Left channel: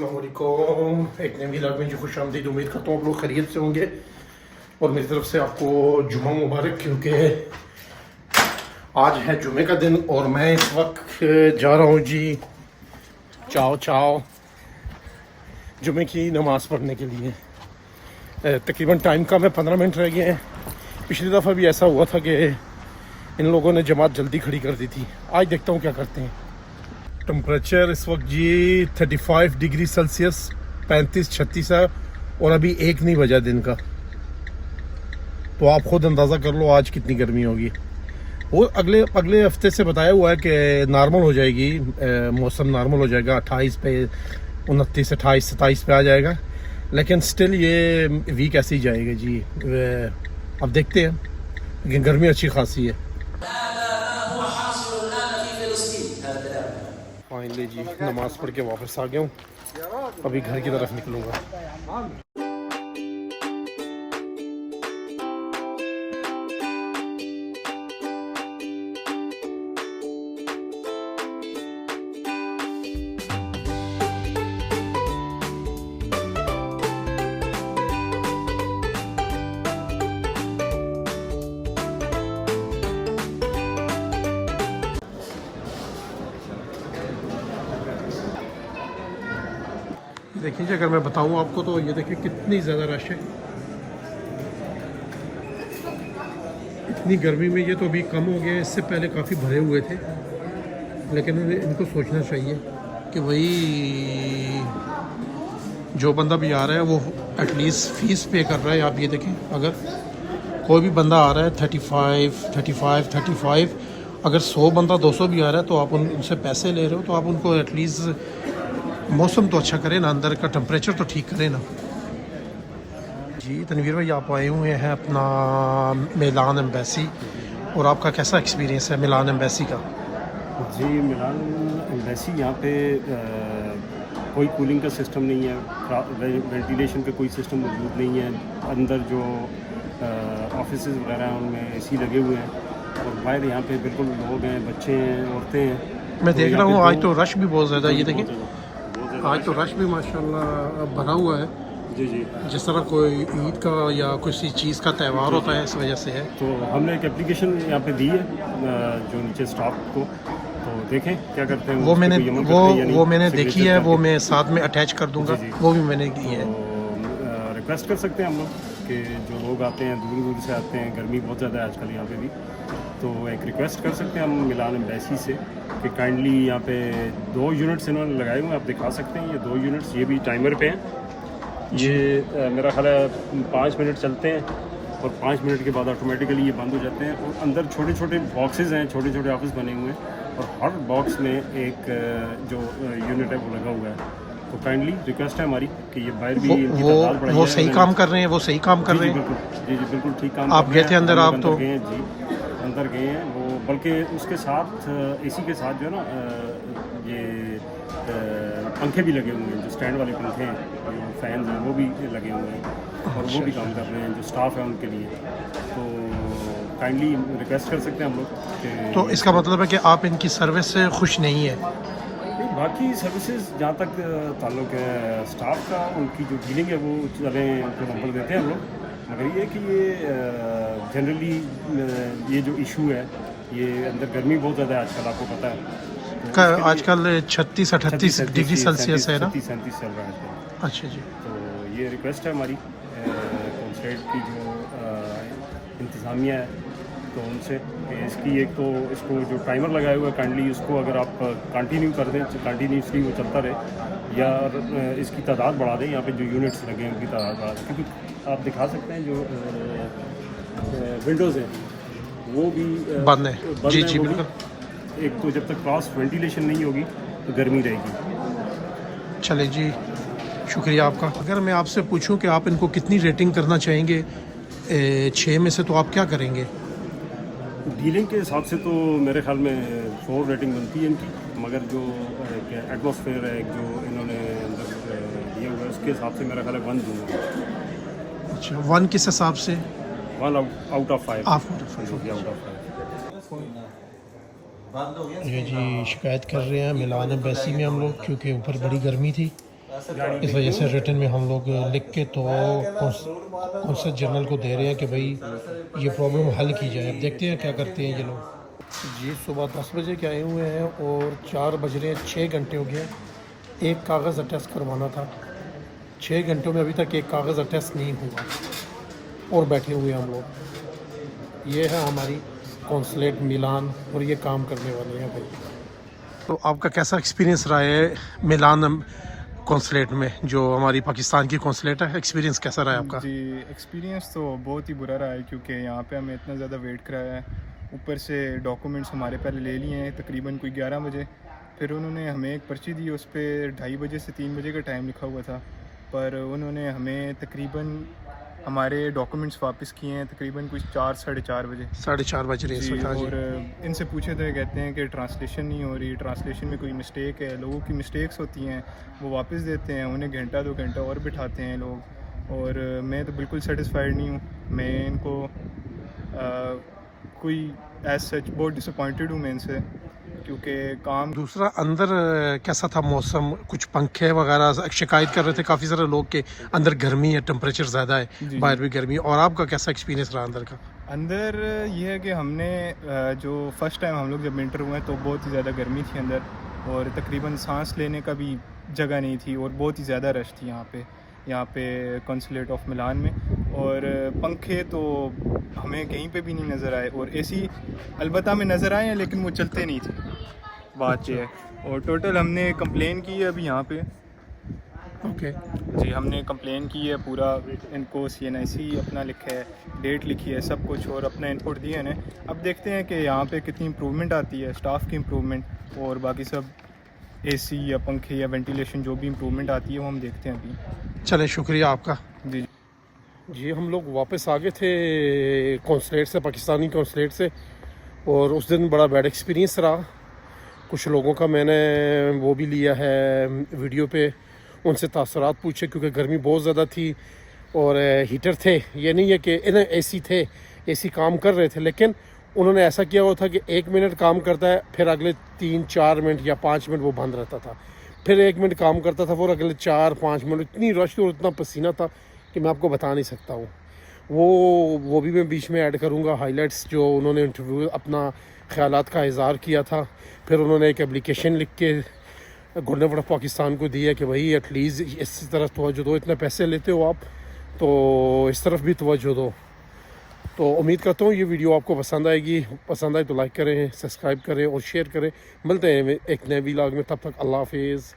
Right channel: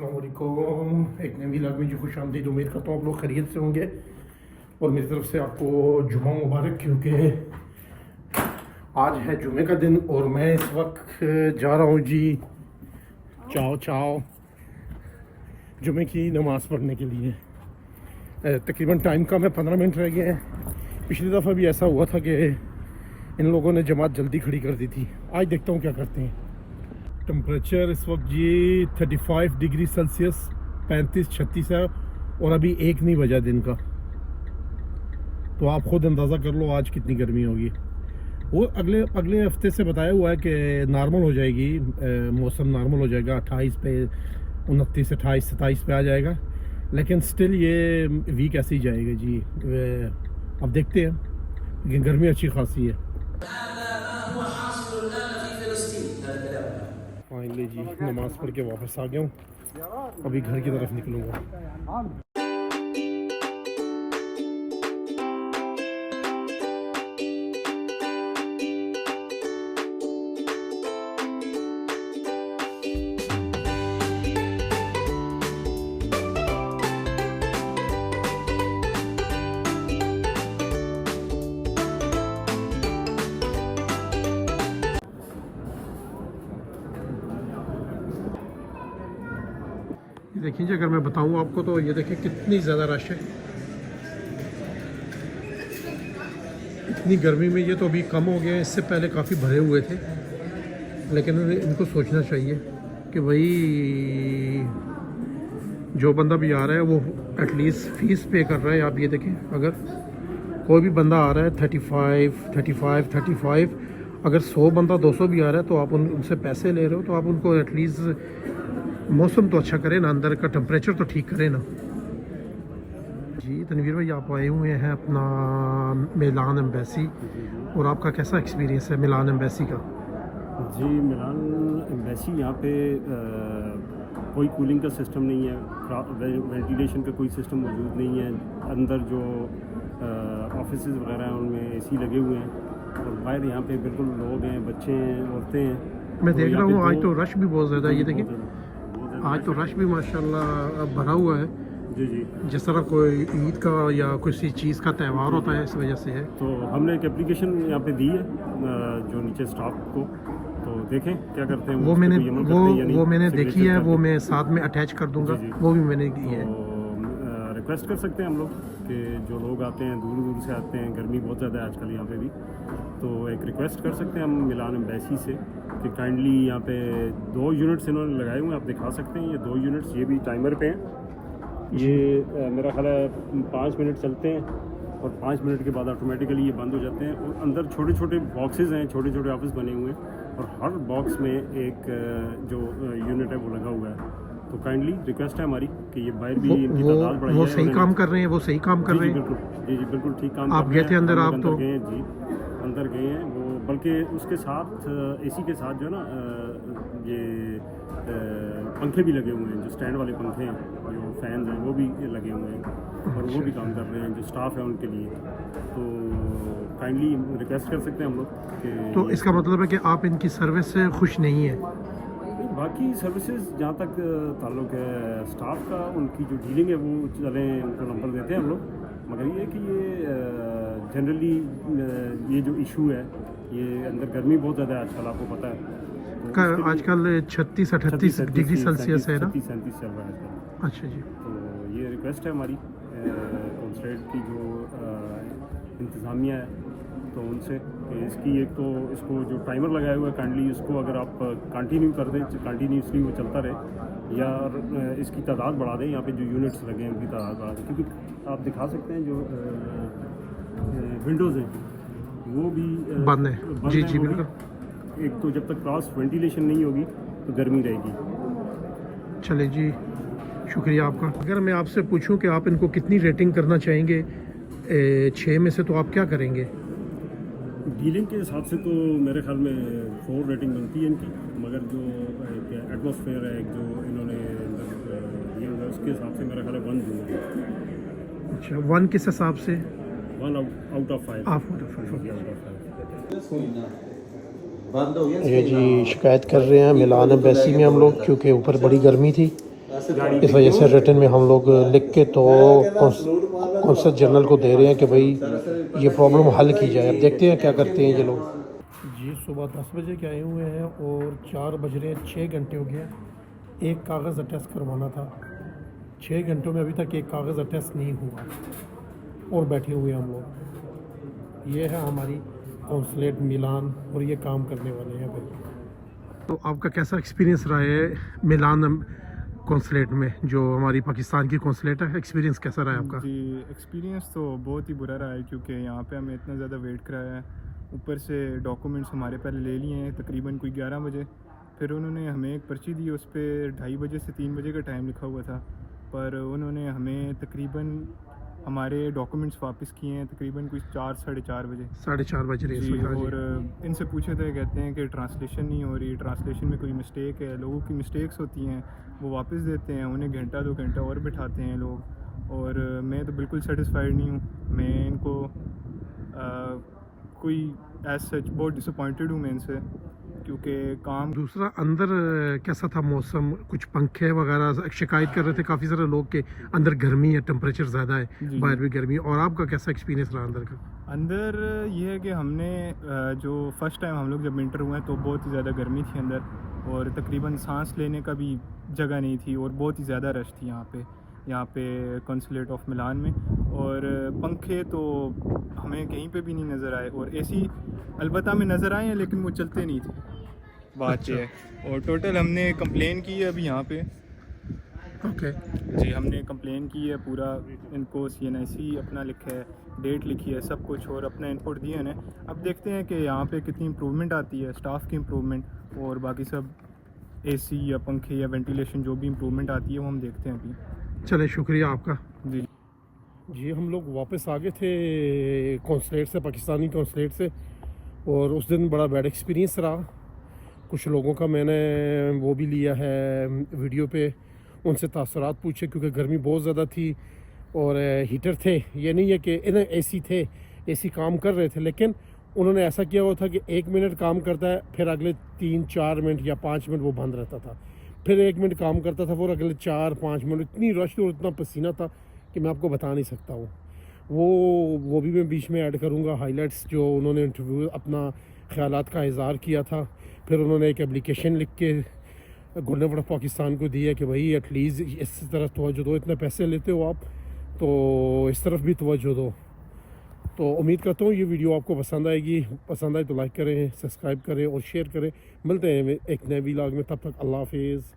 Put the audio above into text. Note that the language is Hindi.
अस्सलाम वालेकुम। एक नई व्लॉग में जी खुश आमदीद। उम्मीद करता हूँ आप लोग खैरियत से होंगे और मेरी तरफ से आपको जुम्मा मुबारक, क्योंकि आज है जुम्मे का दिन और मैं इस वक्त जा रहा हूँ जी चाओ जुम्मे की नमाज़ पढ़ने के लिए। तकरीबन टाइम का मैं 15 मिनट रह गए हैं। पिछली दफ़ा भी ऐसा हुआ था कि इन लोगों ने जमात जल्दी खड़ी कर दी थी। आज देखता हूँ क्या करते हैं। टेम्परेचर इस वक्त जी 35 डिग्री सेल्सियस 35-36 है और अभी 1 नहीं बजा दिन का, तो आप खुद अंदाज़ा कर लो आज कितनी गर्मी होगी। वो अगले हफ्ते से बताया हुआ है कि नॉर्मल हो जाएगी, मौसम नॉर्मल हो जाएगा 28 पे, 29, 28, 27 पे आ जाएगा, लेकिन स्टिल ये वीक ऐसे ही जाएगा जी। अब देखते हैं, लेकिन गर्मी अच्छी खासी है। फाइनली जी नमाज़ पढ़ के वापस आ गया हूँ, अभी घर की तरफ निकलूँगा। देखिए जी, अगर मैं बताऊं आपको तो ये देखिए कितनी ज़्यादा रश है। इतनी गर्मी में ये तो अभी कम हो गया, इससे पहले काफ़ी भरे हुए थे, लेकिन इनको सोचना चाहिए कि भाई जो बंदा भी आ रहा है वो एटलीस्ट फ़ीस पे कर रहा है। आप ये देखें, अगर कोई भी बंदा आ रहा है 35, अगर 100 बंदा 200 भी आ रहा है तो आप उनसे पैसे ले रहे हो, तो आप उनको एटलीस्ट मौसम तो अच्छा करे ना, अंदर का टेम्परेचर तो ठीक करे ना जी। तनवीर भाई, आप आए हुए हैं अपना मिलान एम्बेसी, और आपका कैसा एक्सपीरियंस है मिलान एम्बेसी का? जी, मिलान एम्बेसी यहाँ पे कोई कूलिंग का सिस्टम नहीं है, वेंटिलेशन का कोई सिस्टम मौजूद नहीं है। अंदर जो ऑफिस वगैरह हैं उनमें एसी लगे हुए हैं, और बाहर यहाँ पे बिल्कुल लोग हैं, बच्चे हैं, औरतें हैं। मैं देख रहा हूँ आज तो रश भी बहुत ज़्यादा है। ये देखिए आज तो रश भी माशाल्लाह भरा हुआ है जी जी। जिस तरह कोई ईद का या किसी चीज़ का त्यौहार होता है, इस वजह से है। तो हमने एक एप्लीकेशन यहाँ पे दी है जो नीचे स्टाफ को, तो देखें क्या करते हैं। वो मैंने देखी है, वो मैं साथ में अटैच कर दूंगा। वो भी मैंने की है। तो रिक्वेस्ट कर सकते हैं हम लोग कि जो लोग आते हैं दूर दूर से आते हैं, गर्मी बहुत ज़्यादा है आजकल यहाँ पे भी, तो एक रिक्वेस्ट कर सकते हैं हम मिलान एम्बेसी से कि काइंडली यहाँ पे 2 यूनिट्स इन्होंने लगाए हुए हैं, आप दिखा सकते हैं। ये 2 यूनिट्स ये भी टाइमर पे हैं। ये मेरा ख्याल है 5 मिनट चलते हैं और 5 मिनट के बाद ऑटोमेटिकली ये बंद हो जाते हैं। और अंदर छोटे छोटे बॉक्सेस हैं, छोटे छोटे ऑफिस बने हुए हैं, और हर बॉक्स में एक जो यूनिट है वो लगा हुआ है। तो काइंडली रिक्वेस्ट है हमारी कि ये बाहर भी वो सही काम कर रहे हैं, वो सही काम कर रहे हैं। जी जी बिल्कुल ठीक काम। आप गए थे अंदर? आप तो गए हैं जी, अंदर गए हैं वो, बल्कि उसके साथ एसी के साथ जो है ना ये पंखे भी लगे हुए हैं, जो स्टैंड वाले पंखे हैं, जो फैन हैं वो भी लगे हुए हैं, और वो भी काम कर रहे हैं जो स्टाफ है उनके लिए। तो काइंडली रिक्वेस्ट कर सकते हैं हम लोग। तो इसका मतलब है कि आप इनकी सर्विस से खुश नहीं है? बाकी सर्विसेज जहाँ तक ताल्लुक़ है स्टाफ का, उनकी जो डीलिंग है वो चलें, उनको नंबर देते हैं हम लोग। मगर ये कि ये जनरली ये जो इशू है, ये अंदर गर्मी बहुत ज़्यादा है आजकल, आपको पता है। आजकल 36-38 डिग्री सेल्सियस है ना? 37 चल रहा है आजकल। अच्छा जी। तो ये रिक्वेस्ट है हमारी स्टेट की जो इंतज़ामिया है, तो उनसे कि इसकी एक तो इसको जो टाइमर लगाया हुआ है काइंडली उसको अगर आप कंटिन्यू कर दें, कंटिन्यूसली वो चलता रहे, या इसकी तादाद बढ़ा दें, यहाँ पे जो यूनिट्स लगे हैं उनकी तादाद बढ़ा दें। क्योंकि आप दिखा सकते हैं जो विंडोज़ हैं वो भी बंद है। जी जी बिल्कुल। एक तो जब तक क्रॉस वेंटिलेशन नहीं होगी तो गर्मी रहेगी। चले जी, शुक्रिया आपका। अगर मैं आपसे पूछूं कि आप इनको कितनी रेटिंग करना चाहेंगे 6 में से, तो आप क्या करेंगे? डीलिंग के हिसाब से तो मेरे ख्याल में 4 रेटिंग बनती है इनकी, मगर जो एटमॉस्फेयर है जो इन्होंने अंदर दिया हुआ है उसके हिसाब से मेरा ख्याल है 1 दूँगा। अच्छा, 1 किस हिसाब से? 1 आउट ऑफ 5। Out of 5। ये जी शिकायत कर रहे हैं मिलान एम्बेसी में हम लोग, क्योंकि ऊपर बड़ी गर्मी थी इस वजह से रिटर्न में हम लोग लिख के तो कौंसल जनरल को दे रहे हैं कि भाई ये प्रॉब्लम हल की जाए। अब देखते हैं क्या करते हैं ये लोग। जी सुबह 10 बजे के आए हुए हैं और 4 बज रहे हैं, 6 घंटे हो गए। एक कागज़ अटेस्ट करवाना था, 6 घंटों में अभी तक एक कागज़ अटेस्ट नहीं हुआ और बैठे हुए हम लोग। ये है हमारी कौंसलेट मिलान और ये काम करने वाले हैं भाई। तो आपका कैसा एक्सपीरियंस रहा है मिलान कौंसलेट में, जो हमारी पाकिस्तान की कौंसलेट है? एक्सपीरियंस कैसा रहा है आपका? जी एक्सपीरियंस तो बहुत ही बुरा रहा है, क्योंकि यहाँ पे हमें इतना ज़्यादा वेट कराया है। ऊपर से डॉक्यूमेंट्स हमारे पहले ले लिए हैं तकरीबन कोई 11 बजे, फिर उन्होंने हमें एक पर्ची दी, उस पर 2:30 बजे से 3 बजे का टाइम लिखा हुआ था, पर उन्होंने हमें तकरीबन हमारे डॉक्यूमेंट्स वापस किए हैं तकरीबन कुछ 4 साढ़े 4 बजे। 4:30 बज रहे जी, हैं। हाँ जी। और इनसे पूछे तो ये कहते हैं कि ट्रांसलेशन नहीं हो रही, ट्रांसलेशन में कोई मिस्टेक है। लोगों की मिस्टेक्स होती हैं, वो वापस देते हैं, उन्हें घंटा 2 घंटा और बिठाते हैं लोग। और मैं तो बिल्कुल सेटिस्फाइड नहीं हूँ। मैं इनको कोई एज सच बहुत डिसअपॉइंटेड हूँ मैं इनसे, क्योंकि काम। दूसरा अंदर कैसा था मौसम? कुछ पंखे वगैरह शिकायत कर रहे थे काफ़ी सारे लोग के अंदर गर्मी है, टेम्परेचर ज़्यादा है, जी। बाहर भी गर्मी है। और आपका कैसा एक्सपीरियंस रहा अंदर का? अंदर ये है कि हमने जो फ़र्स्ट टाइम हम लोग जब इंटर हुए तो बहुत ही ज़्यादा गर्मी थी अंदर, और तकरीबन सांस लेने का भी जगह नहीं थी, और बहुत ही ज़्यादा रश थी यहाँ पे कौंसलेट ऑफ मिलान में। और पंखे तो हमें कहीं पे भी नहीं नज़र आए, और एसी अलबत्ता में नज़र आए हैं लेकिन वो चलते नहीं थे। बात ये है। और टोटल हमने कंप्लेन की है अभी यहाँ पे। ओके। जी हमने कंप्लेन की है पूरा, इनको CNIC अपना लिखा है, डेट लिखी है, सब कुछ, और अपना इनपुट दिए हैं। अब देखते हैं कि यहाँ पे कितनी इम्प्रूवमेंट आती है, स्टाफ की इम्प्रूवमेंट, और बाकी सब AC या पंखे या वेंटिलेशन जो भी इम्प्रूवमेंट आती है वो हम देखते हैं अभी। चले, शुक्रिया आपका। जी जी हम लोग वापस आ गए थे कौंसलेट से, पाकिस्तानी कौंसलेट से, और उस दिन बड़ा बैड एक्सपीरियंस रहा। कुछ लोगों का मैंने वो भी लिया है वीडियो पे, उनसे तासुरात पूछे, क्योंकि गर्मी बहुत ज़्यादा थी और हीटर थे। ये नहीं है कि इन्हें AC थे, AC काम कर रहे थे, लेकिन उन्होंने ऐसा किया हुआ था कि 1 मिनट काम करता है, फिर अगले 3-4 मिनट या 5 मिनट वो बंद रहता था, फिर 1 मिनट काम करता था, फिर अगले 4-5 मिनट। इतनी रश और इतना पसीना था कि मैं आपको बता नहीं सकता हूँ। वो भी मैं बीच में ऐड करूँगा हाइलाइट्स, जो उन्होंने इंटरव्यू अपना ख़यालात का इज़हार किया था। फिर उन्होंने एक एप्लीकेशन लिख के गवर्नमेंट ऑफ पाकिस्तान को दिया कि भाई एटलीस्ट इस तरफ तवज्जो दो, इतने पैसे लेते हो आप तो इस तरफ भी तवज्जो दो। तो उम्मीद करता हूँ ये वीडियो आपको पसंद आएगी। पसंद आए तो लाइक करें, सब्सक्राइब करें और शेयर करें। मिलते हैं एक नए व्लॉग में, तब तक अल्लाह हाफिज़।